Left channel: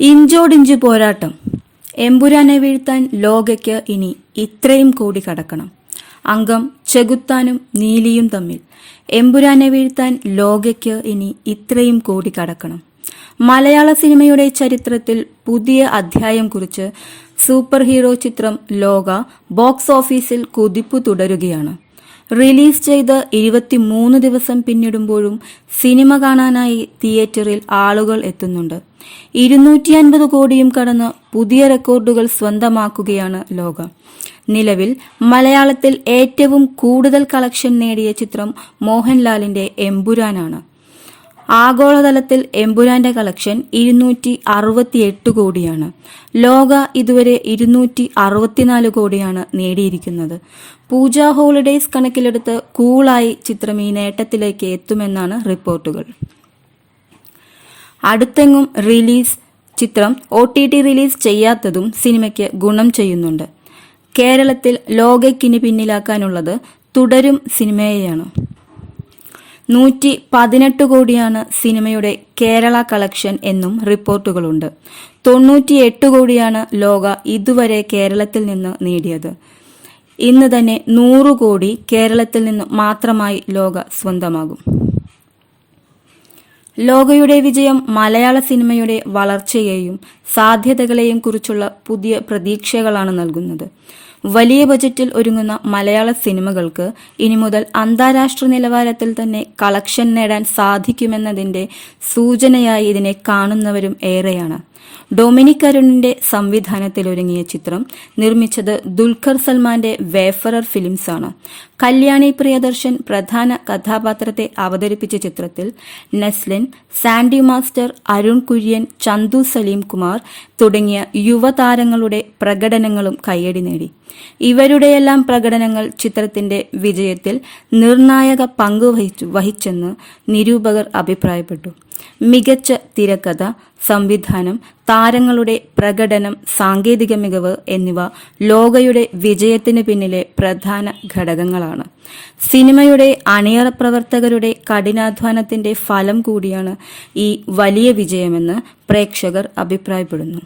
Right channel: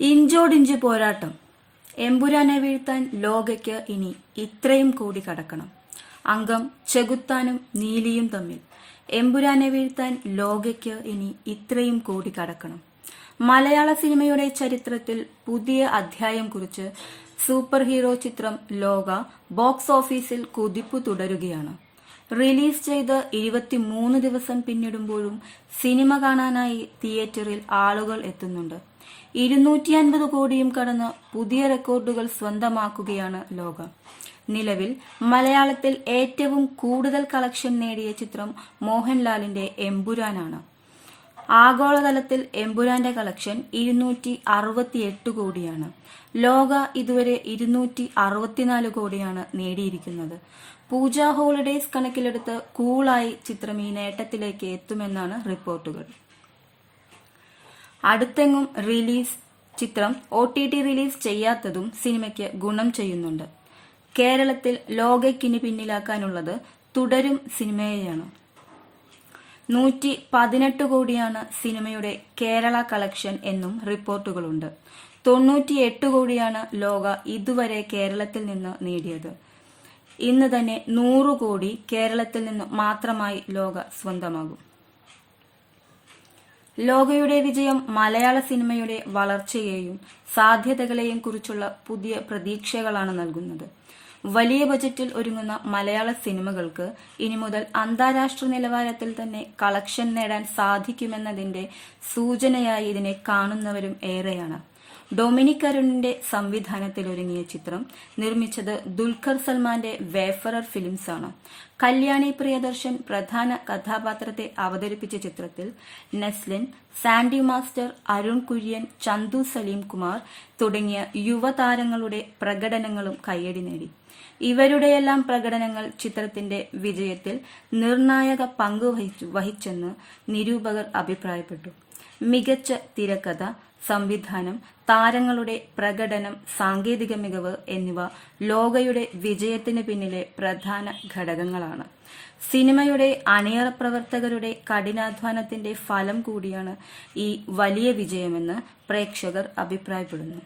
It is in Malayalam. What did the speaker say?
ഇഞ്ചോടിഞ്ച് പോരാട്ടം. എമ്പുരാനെ വീഴ്ത്താൻ ലോകയ്ക്ക് ഇനി ഇത്രയും കൂടി കടക്കണം. അംഗം ചെകുത്താനും നീലിയും തമ്മിൽ. എമ്പുരാനെ വീഴ്ത്താൻ ലോകയ്ക്ക് ഇനി ഇത്രയും കൂടി കടക്കണം. മലയാള സിനിമയുടെ ചരിത്രത്തിൽ പുതിയ അധ്യായം കുറിച്ച് സൂപ്പർ ഹീറോ ചിത്രം ലോക ബോക്സ് ഓഫീസിൽ കുതിപ്പ് തുടരുകയാണ്. റിലീസ് ചെയ്ത് ഇരുപത്തിമൂന്ന് ദിവസം പിന്നിടുമ്പോഴും സിനിമ കാണാനായി തിയേറ്ററിൽ ആളുകൾ എത്തുന്നുണ്ട്. ഇരുന്നൂറ്റി അൻപത് കോടിയും കടന്ന് പുതിയ റെക്കോർഡുകൾ സ്വന്തമാക്കുകയാണ് ലോകം. നിലവിൽ മലയാളത്തിൽ ഏറ്റവും കൂടുതൽ കളക്ഷൻ നേടിയ ചിത്രം മോഹൻലാലിന്റെ എമ്പുരാനാണ്. ആഗോളതലത്തിൽ എമ്പുരാന്റെ കളക്ഷൻ ഇരുന്നൂറ്റി അറുപത്തിയെട്ട് കോടിയാണ്. ലോക ഇതുവരെ ഇരുന്നൂറ്റി അറുപത്തിനാല് കോടിയാണ് നേടിയിരിക്കുന്നത്. പൂജ ഹോളിഡേയ്സ് കണക്കിലെടുത്ത് കൂളായി ചിത്രം ഈ നേട്ടത്തിലേക്ക് എത്തുമെന്നാണ് റിപ്പോർട്ടുകൾ. അടുത്തെങ്ങും റിലീസ് ചിത്രം ഒ ടി ടി റിലീസ് ചെയ്യാത്തതും സിനിമയ്ക്ക് ഗുണം ചെയ്യുന്നുണ്ട്. കേരളത്തിൽ ലോകയ്ക്കിന് പിന്നിലാക്കാനുള്ളത് തുടരും സിനിമയെയാണ്. നൂറ്റി പതിനെട്ട് കോടിയാണ് സിനിമയുടെ കേരള കളക്ഷൻ എന്നും റിപ്പോർട്ടുകളുണ്ട്. തൊണ്ണൂറ്റിയെട്ട് കോടിയാണ് ലോക ഇതുവരെ കേരളത്തിൽ നിന്ന് നേടിയത്. ഇന്ന് തന്നെ നൂറ് കോടി കേരളത്തിൽ നിന്ന് മാത്രമായി ലോക സ്വന്തമാകും. ലോകയുടെ വിജയം മലയാള സിനിമയുടെ വളർച്ചയെയും സാധ്യതകളെയും കുറിച്ചുള്ള പുതിയ പ്രതീക്ഷകളാണ് നൽകുന്നത്. വലിയ ബജറ്റിൽ ഒരുങ്ങുന്ന മലയാള സിനിമകൾക്ക് ഇനി മുതൽ അന്താരാഷ്ട്ര നിലവാരത്തിൽ തന്നെ കളക്ഷൻ നേടാൻ സാധിക്കുമെന്നതിന്റെ സൂചനയായി ഇതിനെ കാണുന്നവരും ഏറെയാണ്. ഡൊമിനിക് അരുണിന്റെ സംവിധാനത്തിൽ ഒരുങ്ങിയ ചിത്രം നിർമ്മിച്ചത് ദുൽഖർ സൽമാന്റെ വേഫറർ ഫിലിംസ് ആണ് കല്യാണി പ്രിയദർശൻ പ്രധാന കഥാപാത്രത്തെ അവതരിപ്പിച്ച ചിത്രത്തിൽ നെസ്ലിൻ സാൻഡി മാസ്റ്റർ അരുൺ കുര്യൻ ചന്തു സലീം കുമാർ തുടങ്ങിയ യുവതാരങ്ങളുടെ പ്രകടനങ്ങളും കയ്യടി നേടി. ഇവരുടെയെല്ലാം പ്രകടനങ്ങൾ ചിത്രത്തിന്റെ വിജയത്തിൽ നിർണായക പങ്ക് വഹിച്ചു വഹിച്ചെന്ന് നിരൂപകർ അഭിപ്രായപ്പെട്ടു. മികച്ച തിരക്കഥ സംവിധാനം താരങ്ങളുടെ പ്രകടനം സാങ്കേതിക മികവ് എന്നിവ ലോകയുടെ വിജയത്തിന് പിന്നിലെ പ്രധാന ഘടകങ്ങളാണ്. സിനിമയുടെ അണിയറ പ്രവർത്തകരുടെ കഠിനാധ്വാനത്തിന്റെ ഫലം കൂടിയാണ് ഈ വലിയ വിജയമെന്ന് പ്രേക്ഷകർ അഭിപ്രായപ്പെടുന്നു.